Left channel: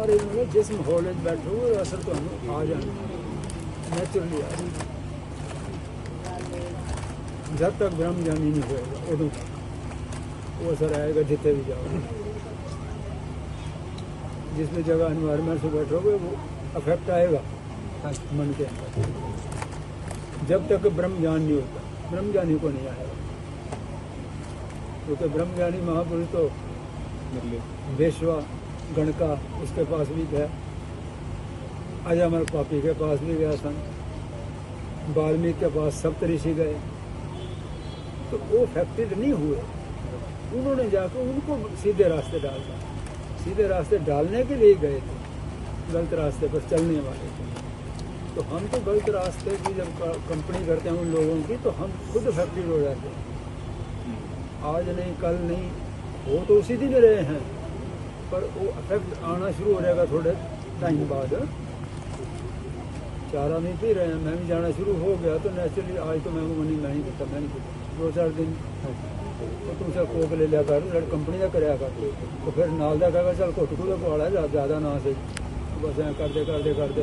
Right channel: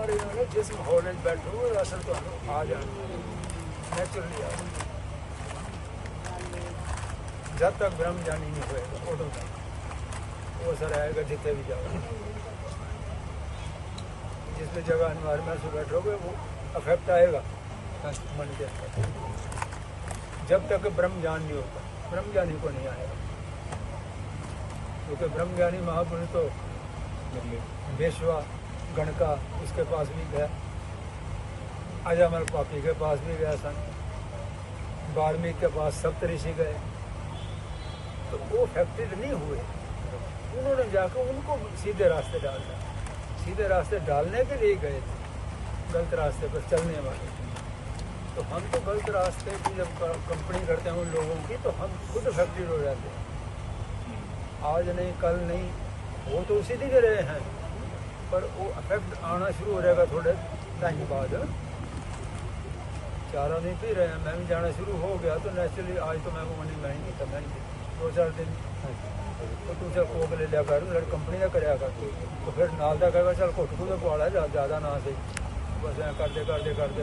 मारे जाने जिस माहौल में बैठो असर तो आ जाना नेचुरली आ जाना। जब तक ब्रह्म ज्ञानी नहीं होएगा उदू तक वो असर आएगा जितने भी जाओगे। जिस भी जगह एनवायरमेंट से बैठोगे वो अफेक्ट आएगा मन के अंदर। जब तक ब्रह्म ज्ञान नहीं होता ब्रह्म ज्ञानी को नहीं आएगा, क्योंकि ब्रह्म ज्ञानी महापुरुष तो वेश्वा गणका उसके पास भी गया, अजमल पापी के पास भी गया सन, वाल्मीकि के पास सप्तऋषि गए, तो वो अफेक्टेड नहीं हुए। उन्होंने जाकर उनको सीधे रास्ते डाल दिया। सीधे रास्ते डालने के लिए गए थे, गलत रास्ते पर चलने वाले थे। तो हम तो गलत रास्ते की जब कंपनी करते हैं उन लोगों की, तो हम खुद अफेक्टेड हो जाते हैं। आज नहीं कल नहीं, वो तो उसी दिन रहे हैं, पर वो अफेक्ट आना शुरू हो जाएगा थोड़े टाइम बाद। चारा नहीं पी रहे हैं, मैं भी जाना शुरू हो गया, तो नेचुरली आज तो मैं वो नहीं पीता, मैं नहीं पीता। 2-4 दिन तो तुम चल कोक ले लिया कर, कंपनी का कराया कर, तो फिर नाल दा कहेगा चल घुट घुट पा लिया ज़्यादा ना सही, बस ऐ करते करते करते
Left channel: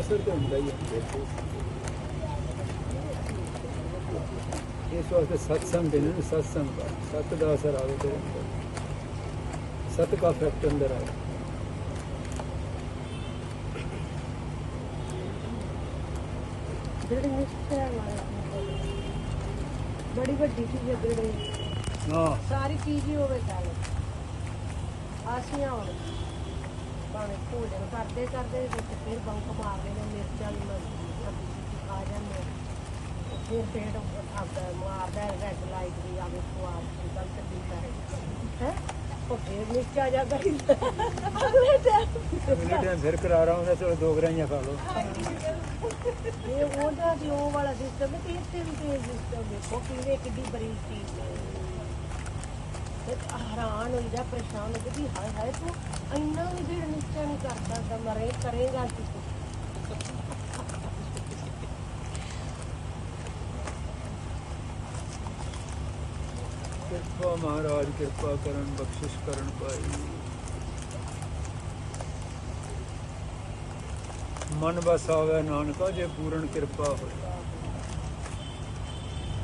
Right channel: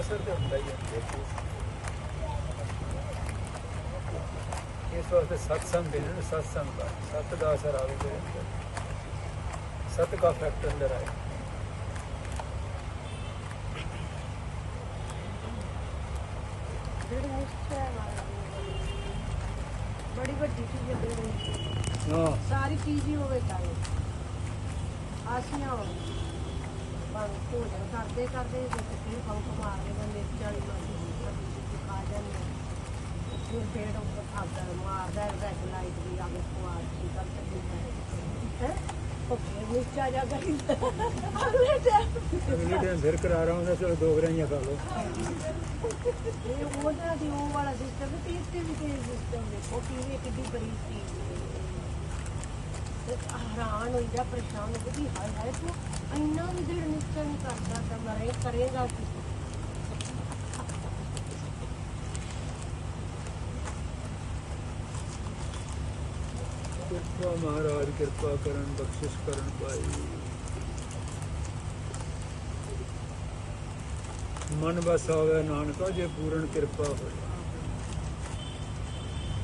असर तो होंगे ही। इस वास्ते सत्संग देने, सत्संग का सत का असर आगे तेरे, सत का इफेक्ट अंदर आए। बड़ी बड़ी चीज हाँ सारी चीजें हो गई आसियां भोजन करते करते फिर पंप मारते हैं मिर्चा फिर पेड़ मारता है रेड लाइट भी फिर नीचा जाता अगले टाइम फिर करा रहा हूँ, चलो 2 ग्राहियाँ खा लो। ये बोलता कि वो वाला सिस्टम है, तीसरे भी सिस्टम है, वो पीने की भी बड़ी चीज हैरान हो जाए, परेशान हो गई है तो इन्ना भी देर निश्चय नहीं करता तो मरे करेगा कि कृपा महाराज कृपा करन बख्शिश करन पाई, मन बस आवे नानका जे पूर्ण कृपा हो।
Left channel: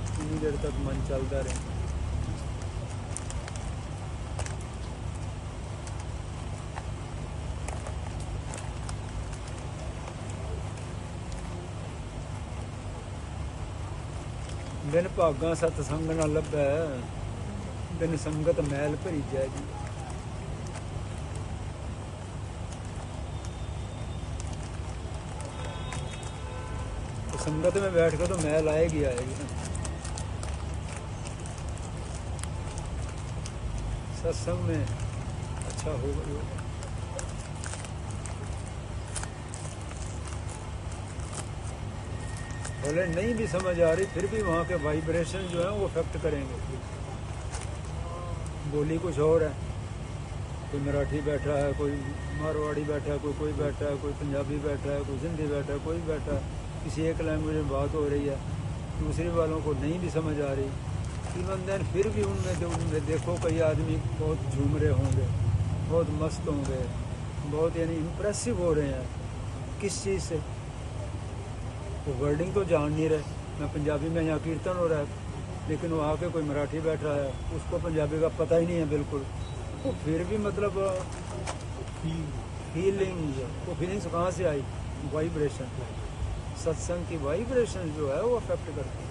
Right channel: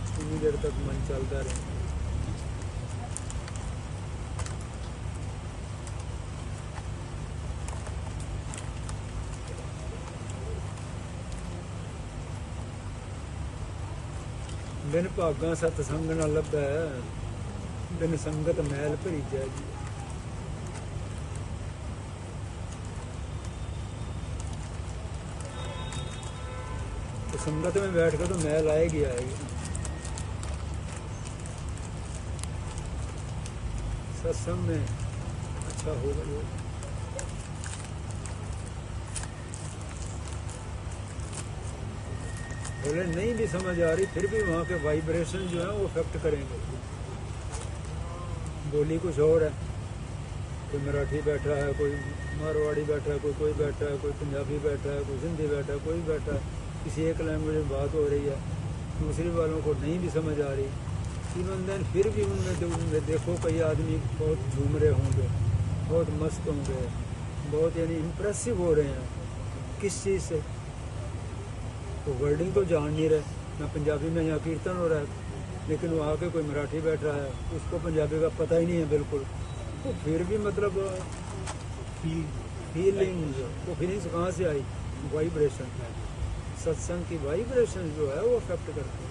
इतनी देर तक मन चलता रहे। बिन भागा सतसंग न लभै, बिन संगत मैल भरी जाएगी। तो संगत में बैठ कर तो मैल आएगी आएगी ना। सत्संग में अच्छा होगा योग। भले नहीं भी समझ आ रही, फिर भी वहाँ के वाइब्रेशन जो है वो अफेक्ट करेंगे। बोली कुछ और है, कोई मराठी बैठा है, कोई मारवाड़ी बैठा है, कोई बैठा है, कोई पंजाबी बैठा है, कोई हिंदी बैठा है, कोई बैठा है, किसी एक लैंग्वेज में बात हो रही है, दूसरी वालों को नहीं भी समझ आ रही। इवन देन फिर भी उनमें देखो कई आदमी बहुत झूम रहे होंगे, बहुत मस्त होंगे, बहुत यानी इम्प्रेसिव हो रहे हैं। किस चीज़ से? वो वर्डिंग तो जान नहीं रहे। मैं पंजाबी में यहाँ कीर्तन हो रहा है, लेकिन वो आके कोई मराठी बैठा है, उसको पंजाबी का पता ही नहीं है बिल्कुल। वो फिर भी मतलब फीलिंग्स, वो फीलिंग्स कहाँ से आई? वाइब्रेशन। सत्संग की वाइब्रेशन जो है वो अफेक्ट करती है।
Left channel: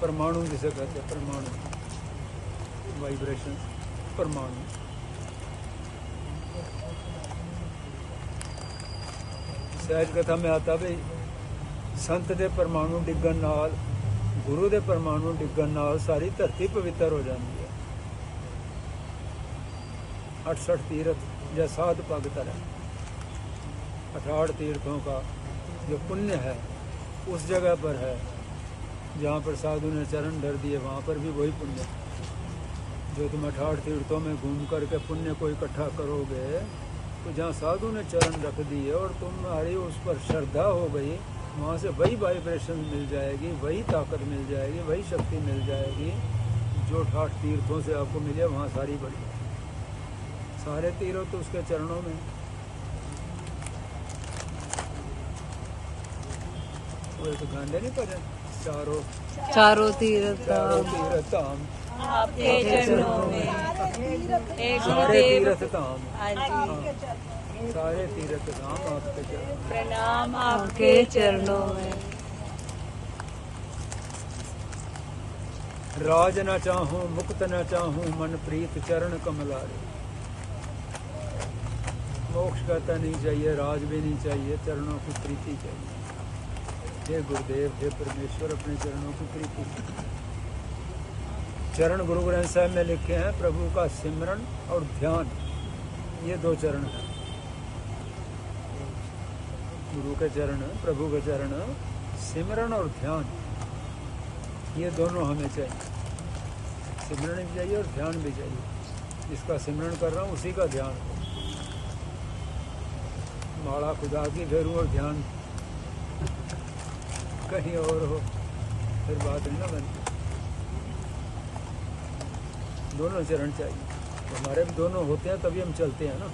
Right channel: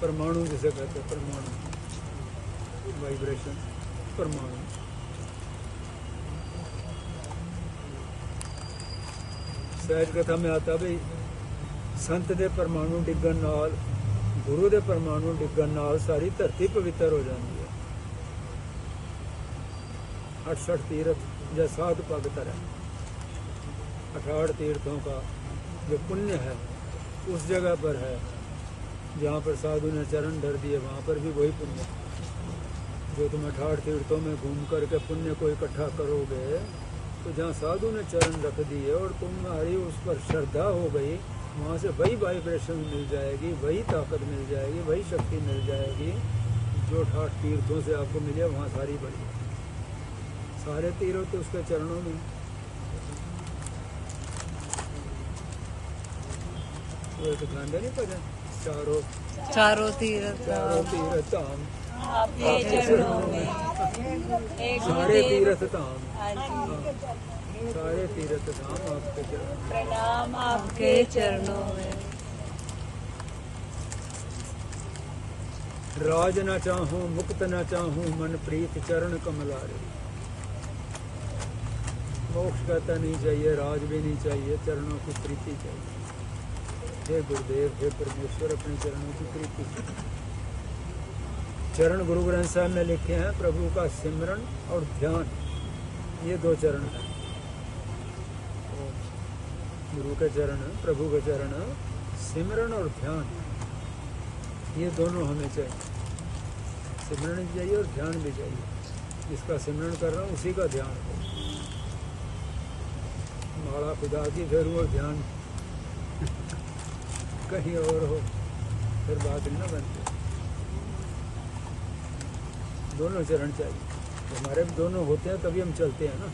परमाणु जिसे कहते हैं, परमाणु वाइब्रेशन, परमाणु। सहज कथा में आता भाई संत दे परमाणु डिगन नाल, गुरु दे परमाणु डिगन नाल सारी धरती पवित्र हो जाती है। 68 तीर्थ या 7 पग तरह, 68 तीर्थों का जो पुण्य है उस जगह पर है जहाँ पर साधु ने चरण धर दिए, वहाँ पर भी वही पुण्य जो तुम 68 तीर्थों में घूम करके पुण्य को इकट्ठा करोगे, तो जहाँ साधु ने चरण रख दिए और तुम्हारी उस पर श्रद्धा हो गई, वहाँ से वही वाइब्रेशन मिल जाएगी, वही ताकत मिल जाएगी, वही शक्ति मिल जाएगी जो 8 तीर्थों से आपको मिले वहाँ सारी बड़ी। सारे तीर्थ तो उसके चरणों में। वो एक गांधे नहीं भजन, चारों तीर्थ धाम आपके चरणों में, सारे तीर्थ धाम, हाँ, सारे तीर्थ धाम आपके चरणों में, प्रणाम आपके चरणों में। राज न चाहूं मुक्त न चाहूं मन प्रीत चरण कमलारे। मोक्ष कहता नहीं चाहिए, राज भी नहीं चाहिए, चरणों की प्रीति चाहिए। हे गुरुदेव, हे परमेश्वर, अपने चरणों की प्रीति। चरण गुरु ग्रंथ साहब में लिखे हैं, प्रभु का सिमरन और ध्यान, ये 2 चरण हैं। गुरु के चरण, प्रभु के चरण, सिमरन और ध्यान, ये दोनों हमें चाहिए। सिमरन भी चाहिए और ध्यान भी चाहिए। जिसका सिमरन कर रहा हूँ उसी का ध्यान हो। माला खुदा की फेरूं और ध्यान कहीं और हो, फिर बात नहीं ना बनती। दोनों चरण चाहिए, हमारे भी दोनों होते हैं तभी हम चलते हैं ना।